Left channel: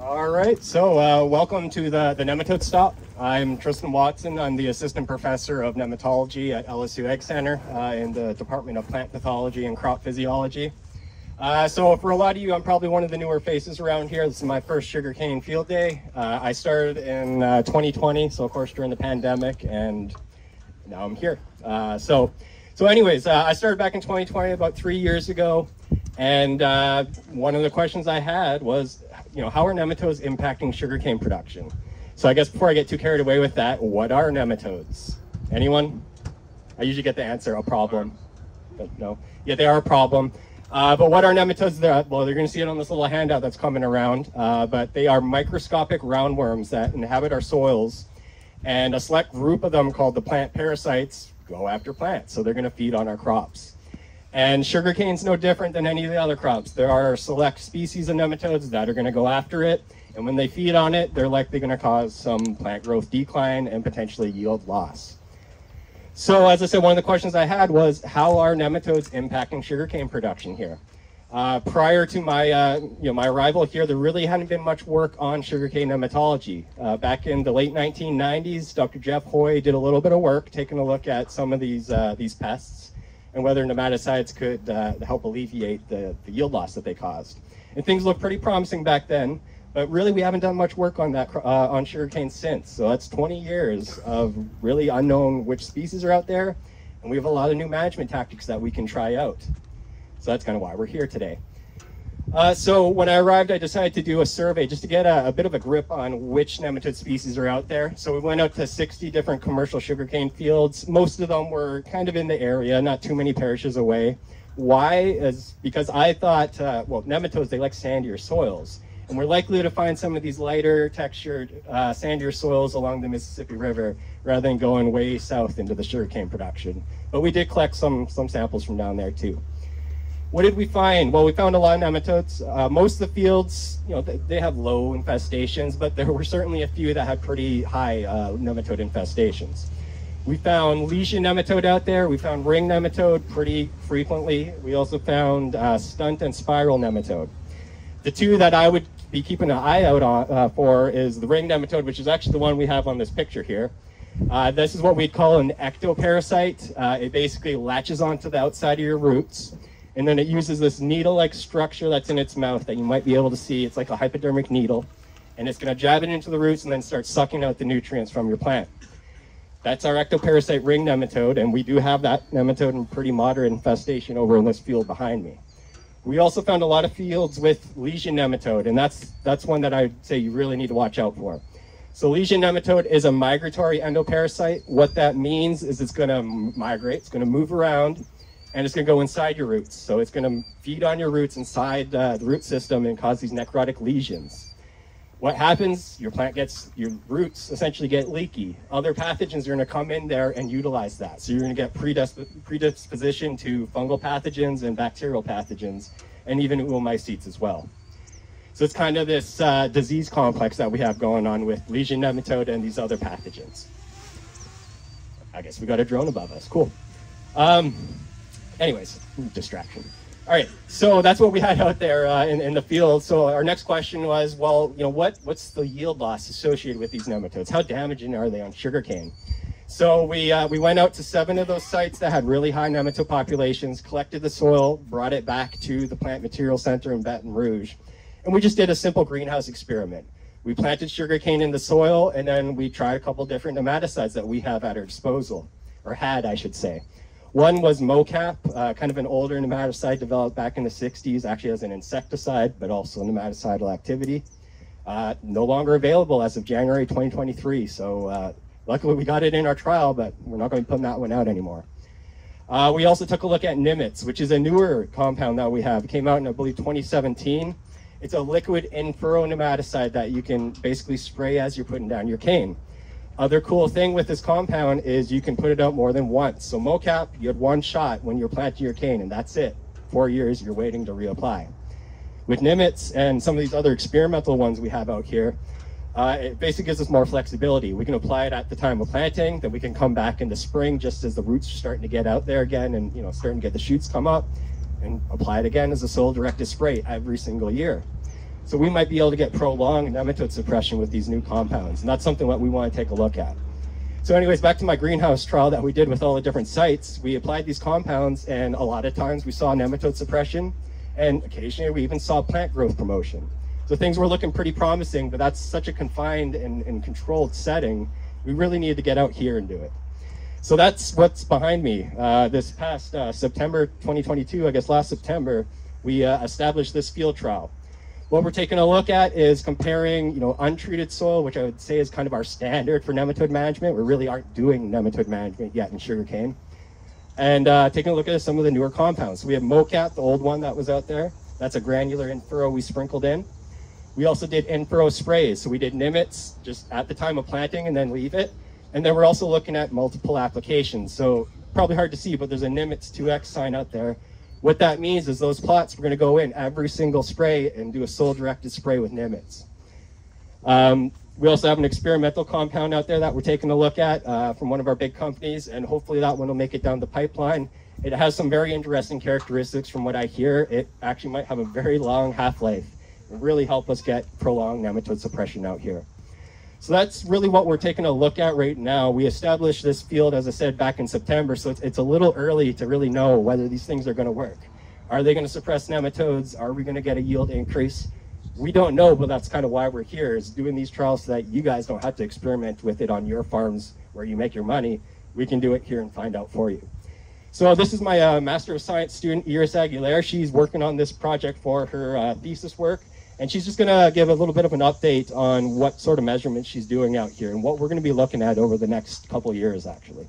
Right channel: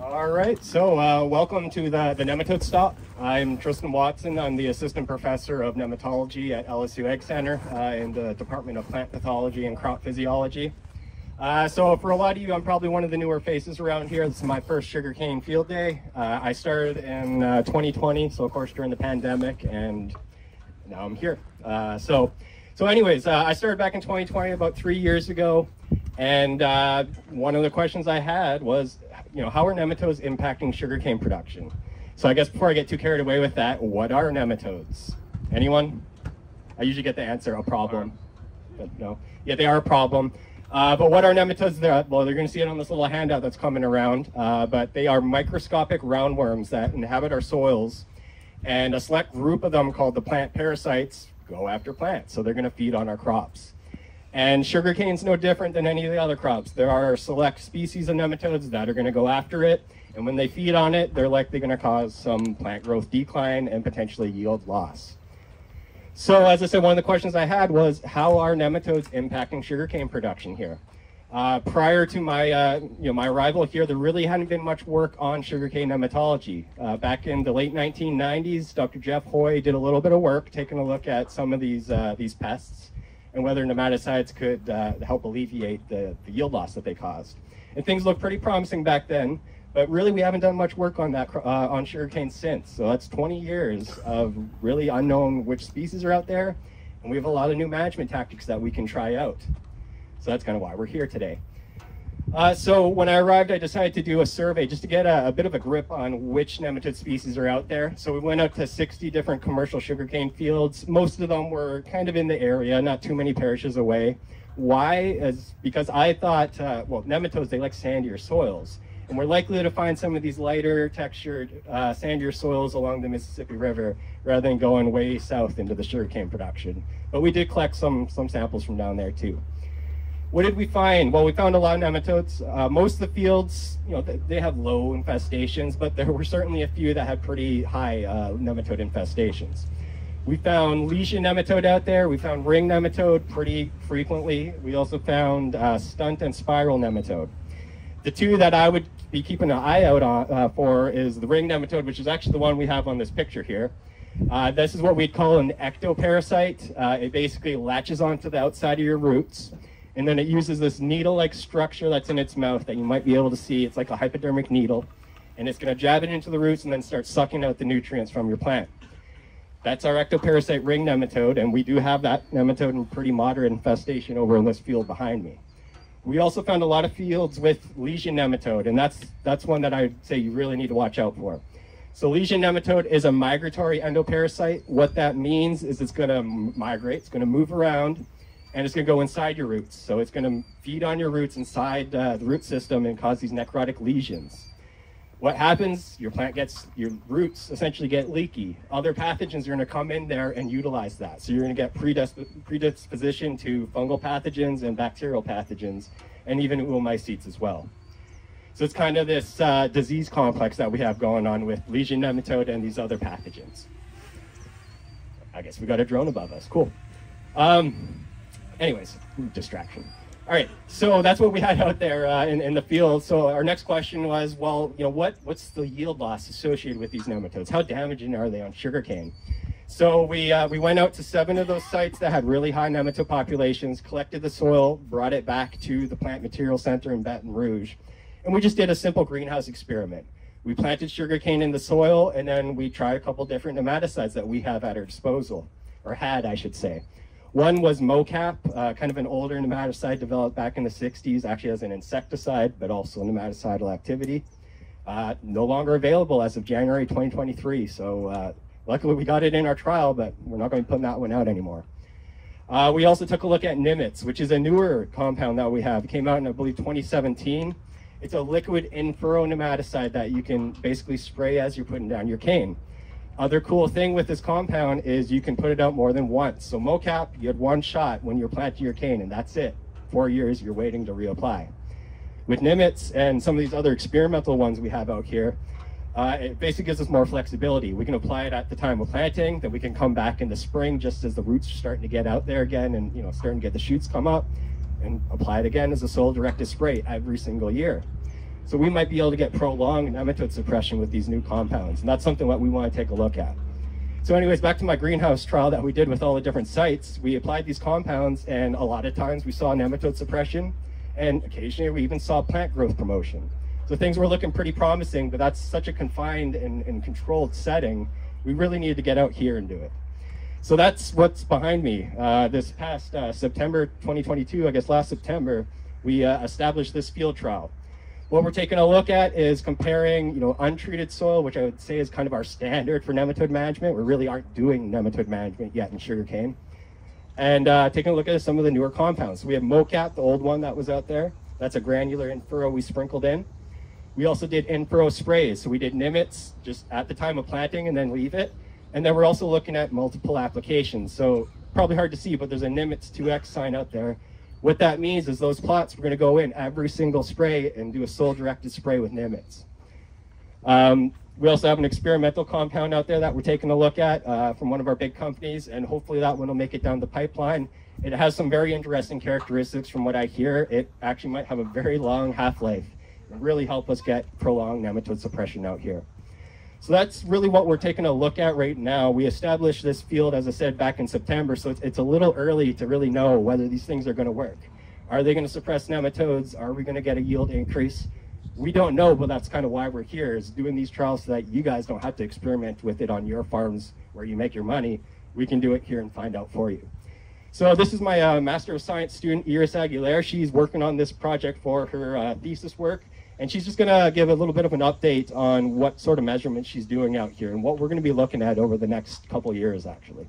All right, so welcome to the Nematode Stop. I'm Tristan Watson. I'm the Assistant Professor of Nematology at LSU Egg Center in the Department of Plant Pathology and Crop Physiology. So for a lot of you, I'm probably one of the newer faces around here. This is my first sugarcane field day. I started in 2020, so of course during the pandemic, and now I'm here. So anyways, I started back in 2020, about 3 years ago, and one of the questions I had was, how are nematodes impacting sugarcane production? So I guess before I get too carried away with that, what are nematodes? Anyone? I usually get the answer, a problem. No? Yeah, they are a problem. But what are nematodes? Well, they're going to see it on this little handout that's coming around, but they are microscopic roundworms that inhabit our soils, and a select group of them called the plant parasites go after plants, so they're going to feed on our crops. And sugarcane's no different than any of the other crops. There are select species of nematodes that are going to go after it, and when they feed on it, they're likely going to cause some plant growth decline and potentially yield loss. So as I said, one of the questions I had was, how are nematodes impacting sugarcane production here? Prior to my my arrival here, there really hadn't been much work on sugarcane nematology. Back in the late 1990s, Dr. Jeff Hoy did a little bit of work taking a look at some of these pests and whether nematicides could help alleviate the yield loss that they caused. And things looked pretty promising back then, but really we haven't done much work on that on sugarcane since. So that's 20 years of really unknown which species are out there, and we have a lot of new management tactics that we can try out. So that's kind of why we're here today. So when I arrived, I decided to do a survey just to get a bit of a grip on which nematode species are out there. So we went out to 60 different commercial sugarcane fields. Most of them were kind of in the area, not too many parishes away. Why? Is because I thought, well, nematodes, they like sandier soils. And we're likely to find some of these lighter textured, sandier soils along the Mississippi River rather than going way south into the sugarcane production. But we did collect some samples from down there too. What did we find? Well, we found a lot of nematodes. Most of the fields, they have low infestations, but there were certainly a few that had pretty high nematode infestations. We found lesion nematode out there. We found ring nematode pretty frequently. We also found stunt and spiral nematode. The two that I would be keeping an eye out on, for is the ring nematode, which is actually the one we have on this picture here. This is what we'd call an ectoparasite. It basically latches onto the outside of your roots, and then it uses this needle-like structure that's in its mouth that you might be able to see. It's like a hypodermic needle, and it's going to jab it into the roots and then start sucking out the nutrients from your plant. That's our ectoparasite ring nematode, and we do have that nematode in pretty moderate infestation over in this field behind me. We also found a lot of fields with lesion nematode, and that's one that I'd say you really need to watch out for. So lesion nematode is a migratory endoparasite. What that means is it's going to migrate, it's going to move around, and it's going to go inside your roots. So it's going to feed on your roots inside the root system and cause these necrotic lesions. What happens? Your roots essentially get leaky. Other pathogens are going to come in there and utilize that. So you're going to get predisposition to fungal pathogens and bacterial pathogens, and even oomycetes as well. So it's kind of this disease complex that we have going on with lesion nematode and these other pathogens. I guess we got a drone above us. Cool. Anyways, distraction. All right, so that's what we had out there in the field. So our next question was, well, what's the yield loss associated with these nematodes? How damaging are they on sugarcane? So we went out to 7 of those sites that had really high nematode populations, collected the soil, brought it back to the Plant Material Center in Baton Rouge, and we just did a simple greenhouse experiment. We planted sugarcane in the soil, and then we tried a couple different nematicides that we have at our disposal, or had, I should say. One was mocap, kind of an older nematicide developed back in the 60s, actually as an insecticide, but also nematicidal activity. No longer available as of January 2023, so luckily we got it in our trial, but we're not going to be putting that one out anymore. We also took a look at Nematode, which is a newer compound that we have. It came out in, I believe, 2017. It's a liquid in-furrow nematicide that you can basically spray as you're putting down your cane. Other cool thing with this compound is you can put it out more than once. So mocap, you had one shot when you're planting your cane, and that's it. 4 years, you're waiting to reapply. With Nematode and some of these other experimental ones we have out here, it basically gives us more flexibility. We can apply it at the time of planting, then we can come back in the spring just as the roots are starting to get out there again and starting to get the shoots come up, and apply it again as a soil-directed spray every single year. So we might be able to get prolonged nematode suppression with these new compounds, and that's something that we want to take a look at. So anyways, back to my greenhouse trial that we did with all the different sites, we applied these compounds, and a lot of times we saw nematode suppression, and occasionally we even saw plant growth promotion. So things were looking pretty promising, but that's such a confined and controlled setting, we really needed to get out here and do it. So that's what's behind me. This past September 2022, I guess last September, we established this field trial. What we're taking a look at is comparing, untreated soil, which I would say is kind of our standard for nematode management. We really aren't doing nematode management yet in sugarcane. And taking a look at some of the newer compounds. So we have MoCap, the old one that was out there. That's a granular in-furrow we sprinkled in. We also did in-furrow sprays. So we did Nimits just at the time of planting and then leave it. And then we're also looking at multiple applications. So probably hard to see, but there's a Nimitz 2X sign out there. What that means is those plots, we're going to go in every single spray and do a soil-directed spray with Nimitz. We also have an experimental compound out there that we're taking a look at from one of our big companies, and hopefully that one will make it down the pipeline. It has some very interesting characteristics from what I hear. It actually might have a very long half-life and really help us get prolonged nematode suppression out here. So that's really what we're taking a look at right now. We established this field, as I said, back in September, so it's a little early to really know whether these things are going to work. Are they going to suppress nematodes? Are we going to get a yield increase? We don't know, but that's kind of why we're here, is doing these trials so that you guys don't have to experiment with it on your farms where you make your money. We can do it here and find out for you. So this is my Master of Science student, Iris Aguilera. She's working on this project for her thesis work. And she's just going to give a little bit of an update on what sort of measurements she's doing out here and what we're going to be looking at over the next couple of years, actually.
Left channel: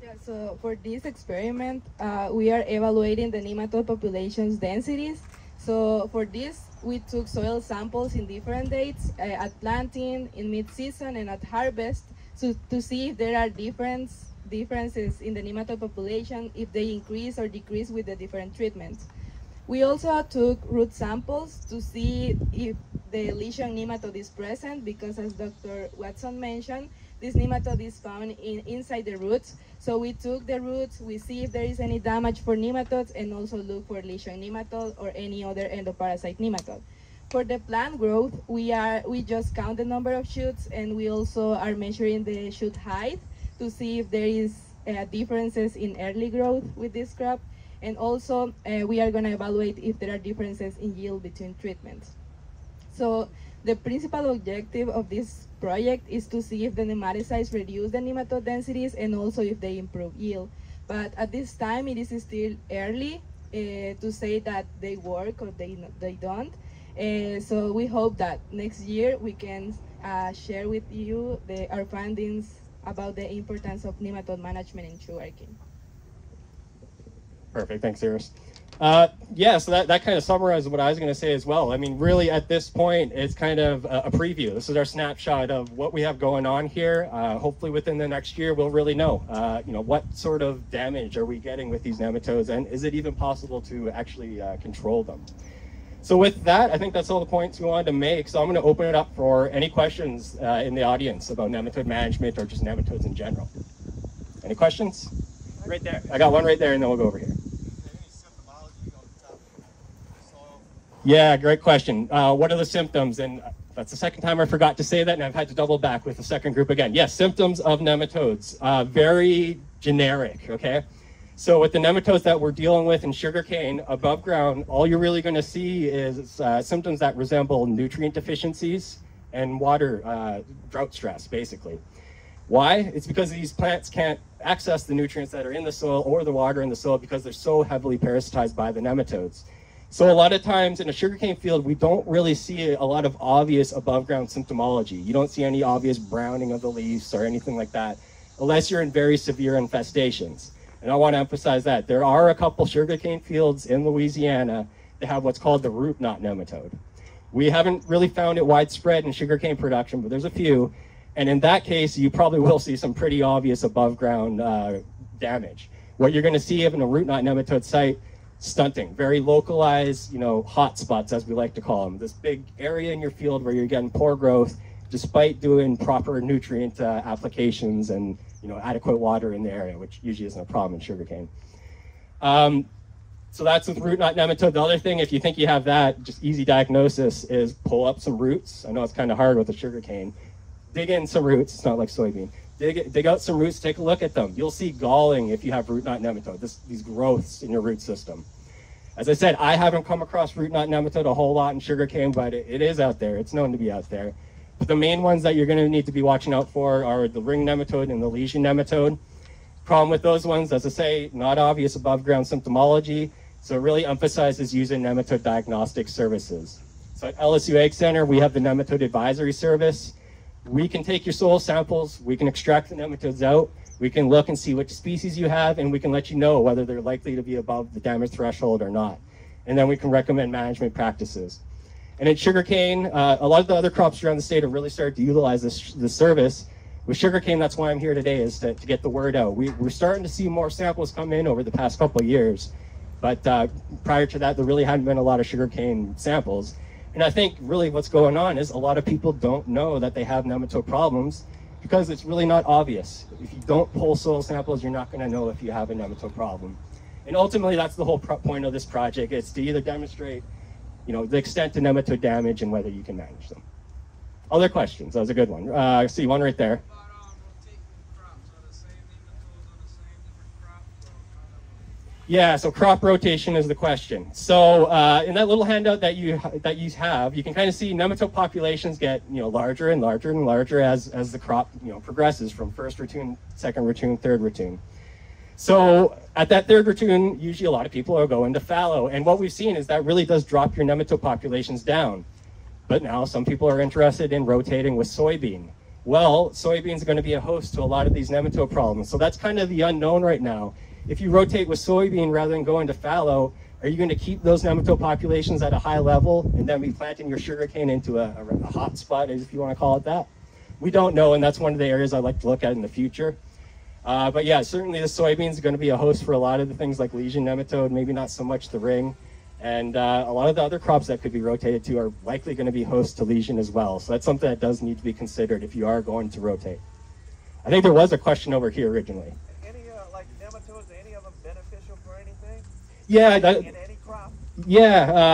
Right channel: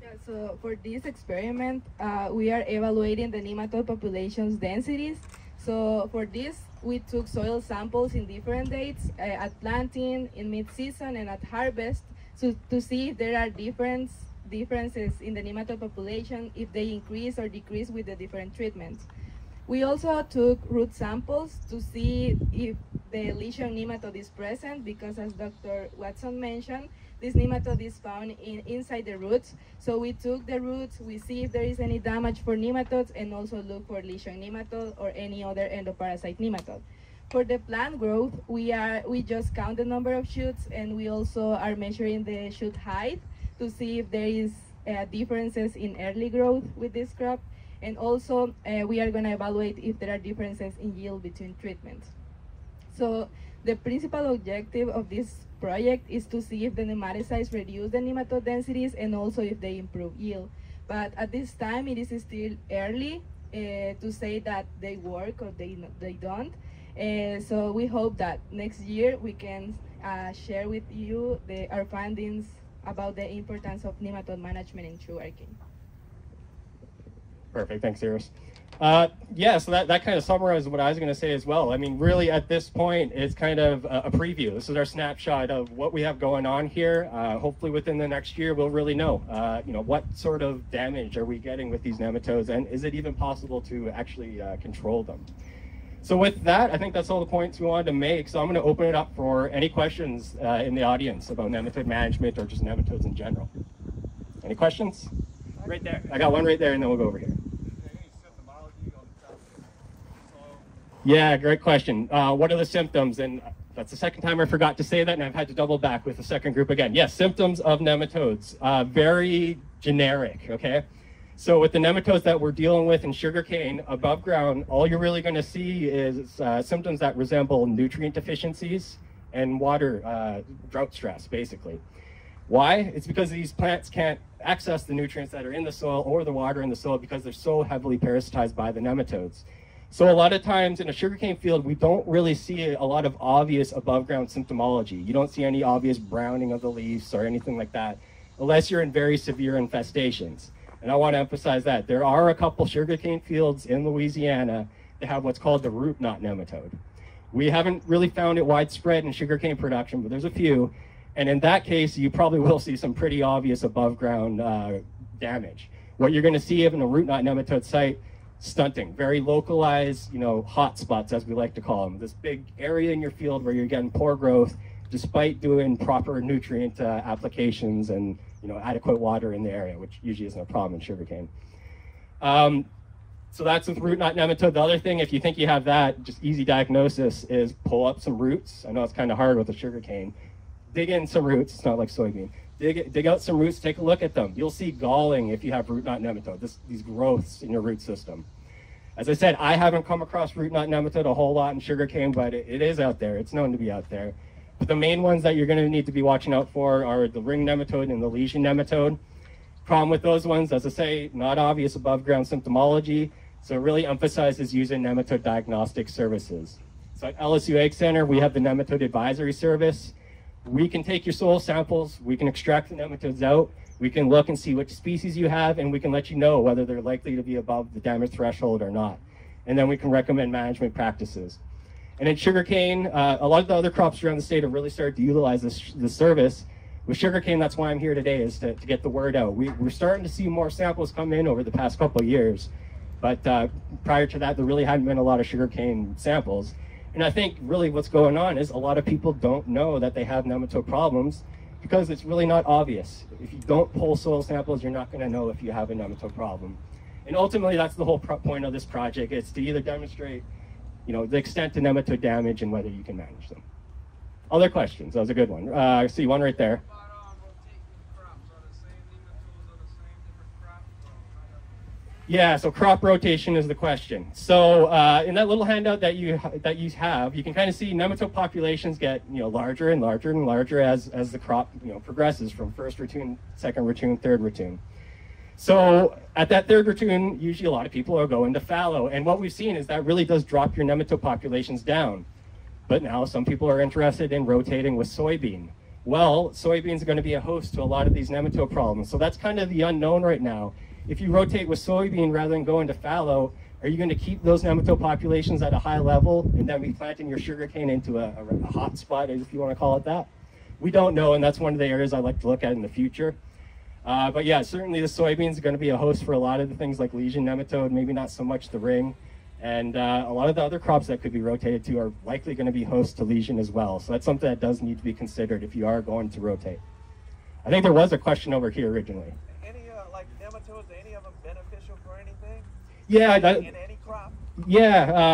Yeah, so for this experiment, we are evaluating the nematode population's densities. So for this, we took soil samples in different dates, at planting, in mid-season, and at harvest, to see if there are differences in the nematode population, if they increase or decrease with the different treatments. We also took root samples to see if the lesion nematode is present, because as Dr. Watson mentioned, this nematode is found inside the roots. So we took the roots, we see if there is any damage for nematodes, and also look for lesion nematode or any other endoparasite nematode. For the plant growth, we just count the number of shoots, and we also are measuring the shoot height to see if there is differences in early growth with this crop. And also, we are going to evaluate if there are differences in yield between treatments. So the principal objective of this project is to see if the nematicides reduce the nematode densities and also if they improve yield. But at this time, it is still early to say that they work or they don't. So we hope that next year we can share with you our findings about the importance of nematode management in sugarcane. Perfect, thanks, Iris. Yeah, so that kind of summarizes what I was going to say as well. I mean, really at this point, it's kind of a preview. This is our snapshot of what we have going on here. Hopefully within the next year, we'll really know, what sort of damage are we getting with these nematodes, and is it even possible to actually control them? So with that, I think that's all the points we wanted to make. So I'm going to open it up for any questions in the audience about nematode management or just nematodes in general. Any questions? Right there. I got one right there, and then we'll go over here. Yeah, great question. What are the symptoms? And that's the second time I forgot to say that, and I've had to double back with the second group again. Yes, symptoms of nematodes. Very generic, okay? So with the nematodes that we're dealing with in sugarcane above ground, all you're really going to see is symptoms that resemble nutrient deficiencies and water drought stress, basically. Why? It's because these plants can't access the nutrients that are in the soil or the water in the soil because they're so heavily parasitized by the nematodes. So a lot of times in a sugarcane field, we don't really see a lot of obvious above ground symptomology. You don't see any obvious browning of the leaves or anything like that, unless you're in very severe infestations. And I want to emphasize that. There are a couple sugarcane fields in Louisiana that have what's called the root knot nematode. We haven't really found it widespread in sugarcane production, but there's a few. And in that case, you probably will see some pretty obvious above ground damage. What you're going to see in a root knot nematode site, stunting, very localized, hot spots, as we like to call them. This big area in your field where you're getting poor growth, despite doing proper nutrient applications and adequate water in the area, which usually isn't a problem in sugarcane. So that's with root knot nematode. The other thing, if you think you have that, just easy diagnosis is pull up some roots. I know it's kind of hard with a sugarcane. Dig in some roots. It's not like soybean. Dig out some roots, take a look at them. You'll see galling if you have root knot nematode, these growths in your root system. As I said, I haven't come across root knot nematode a whole lot in sugarcane, but it is out there. It's known to be out there. But the main ones that you're going to need to be watching out for are the ring nematode and the lesion nematode. Problem with those ones, as I say, not obvious above ground symptomology, so it really emphasizes using nematode diagnostic services. So at LSU Egg Center, we have the Nematode Advisory Service. We can take your soil samples, we can extract the nematodes out, we can look and see which species you have, and we can let you know whether they're likely to be above the damage threshold or not. And then we can recommend management practices. And in sugarcane, a lot of the other crops around the state have really started to utilize this service. With sugarcane, that's why I'm here today, is to get the word out. We're starting to see more samples come in over the past couple of years, but prior to that, there really hadn't been a lot of sugarcane samples. And I think really what's going on is a lot of people don't know that they have nematode problems because it's really not obvious. If you don't pull soil samples, you're not going to know if you have a nematode problem. And ultimately, that's the whole point of this project. It's to either demonstrate, the extent of nematode damage and whether you can manage them. Other questions? That was a good one. I see one right there. Yeah, so crop rotation is the question. So in that little handout that you have, you can kind of see nematode populations get larger and larger and larger as the crop progresses from first ratoon, second ratoon, third ratoon. So at that third ratoon, usually a lot of people are going to fallow, and what we've seen is that really does drop your nematode populations down. But now some people are interested in rotating with soybean. Well, soybeans are going to be a host to a lot of these nematode problems, so that's kind of the unknown right now. If you rotate with soybean rather than going to fallow, are you going to keep those nematode populations at a high level and then be planting your sugarcane into a hot spot, if you want to call it that? We don't know, and that's one of the areas I like to look at in the future. But yeah, certainly the soybeans are going to be a host for a lot of the things like lesion nematode, maybe not so much the ring. And a lot of the other crops that could be rotated to are likely going to be host to lesion as well. So that's something that does need to be considered if you are going to rotate. I think there was a question over here originally. Yeah,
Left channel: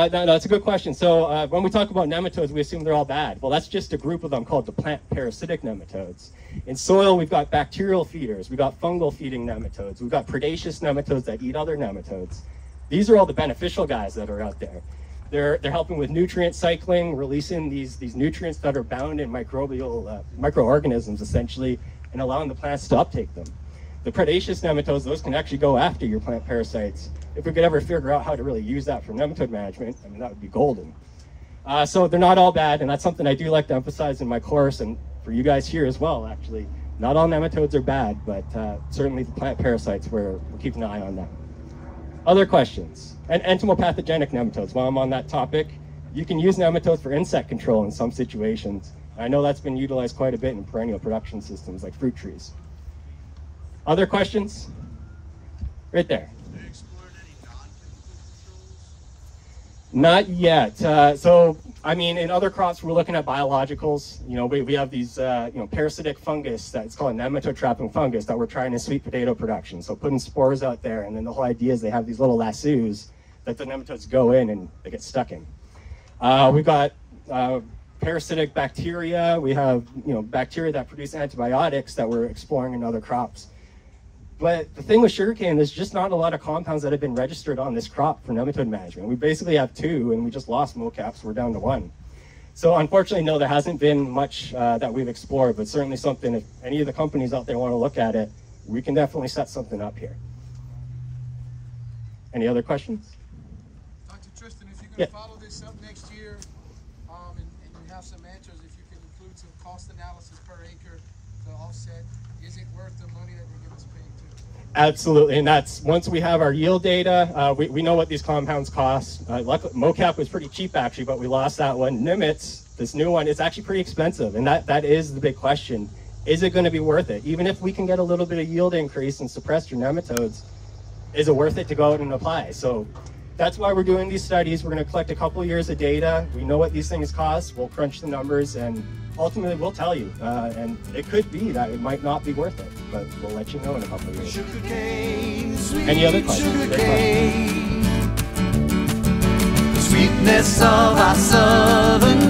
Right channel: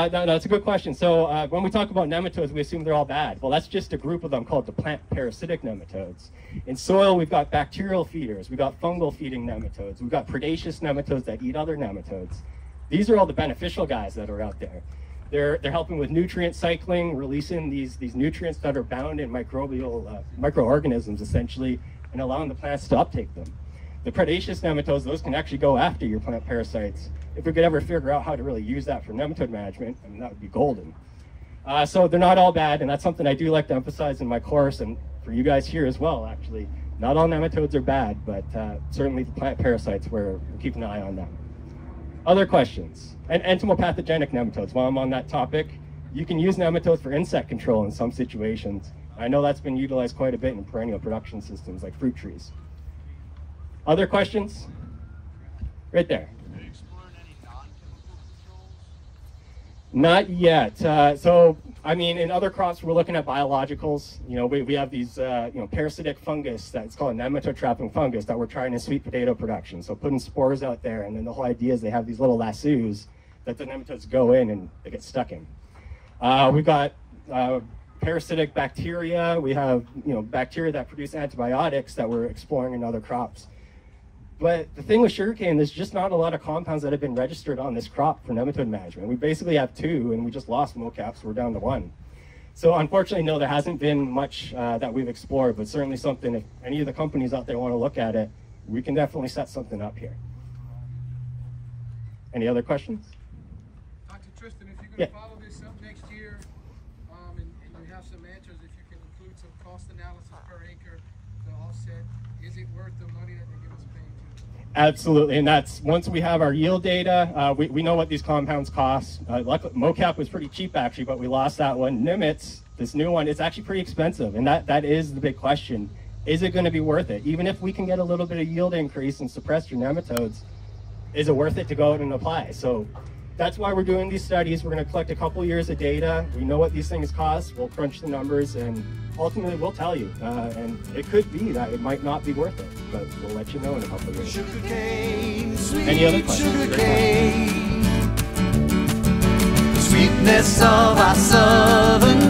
that's a good question. So when we talk about nematodes, we assume they're all bad. Well, that's just a group of them called the plant parasitic nematodes. In soil, we've got bacterial feeders, we've got fungal feeding nematodes, we've got predaceous nematodes that eat other nematodes. These are all the beneficial guys that are out there. They're helping with nutrient cycling, releasing these nutrients that are bound in microorganisms, essentially, and allowing the plants to uptake them. The predaceous nematodes, those can actually go after your plant parasites. If we could ever figure out how to really use that for nematode management, I mean, that would be golden. So they're not all bad, and that's something I do like to emphasize in my course, and for you guys here as well, actually. Not all nematodes are bad, but certainly the plant parasites, we're keeping an eye on them. Other questions? And entomopathogenic nematodes, while I'm on that topic, you can use nematodes for insect control in some situations. I know that's been utilized quite a bit in perennial production systems like fruit trees. Other questions? Right there. Have you explored any non-chemical controls? Not yet. So, I mean, in other crops, we're looking at biologicals. We have these, parasitic fungus that's called nematode trapping fungus that we're trying in sweet potato production. So putting spores out there, and then the whole idea is they have these little lassos that the nematodes go in and they get stuck in. We've got parasitic bacteria. We have, bacteria that produce antibiotics that we're exploring in other crops. But the thing with sugarcane, there's just not a lot of compounds that have been registered on this crop for nematode management. We basically have 2, and we just lost mocap, so we're down to 1. So unfortunately, no, there hasn't been much that we've explored, but certainly something, if any of the companies out there want to look at it, we can definitely set something up here. Any other questions? Dr. Tristan, if you're going to follow this up next year, and you have some answers, if you can include some cost analysis per acre to offset, is it worth the money that they're going to spend? Absolutely, and that's once we have our yield data, we know what these compounds cost. Luckily, mocap was pretty cheap actually, but we lost that one. Nimits, this new one, it's actually pretty expensive, and that is the big question. Is it going to be worth it? Even if we can get a little bit of yield increase and suppress your nematodes, is it worth it to go out and apply? So that's why we're doing these studies. We're going to collect a couple years of data. We know what these things cost. We'll crunch the numbers, and ultimately we'll tell you. And it could be that it might not be worth it, but we'll let you know in a couple of years. Sugarcane, Any other sweet questions? sugarcane. sweetness of our southern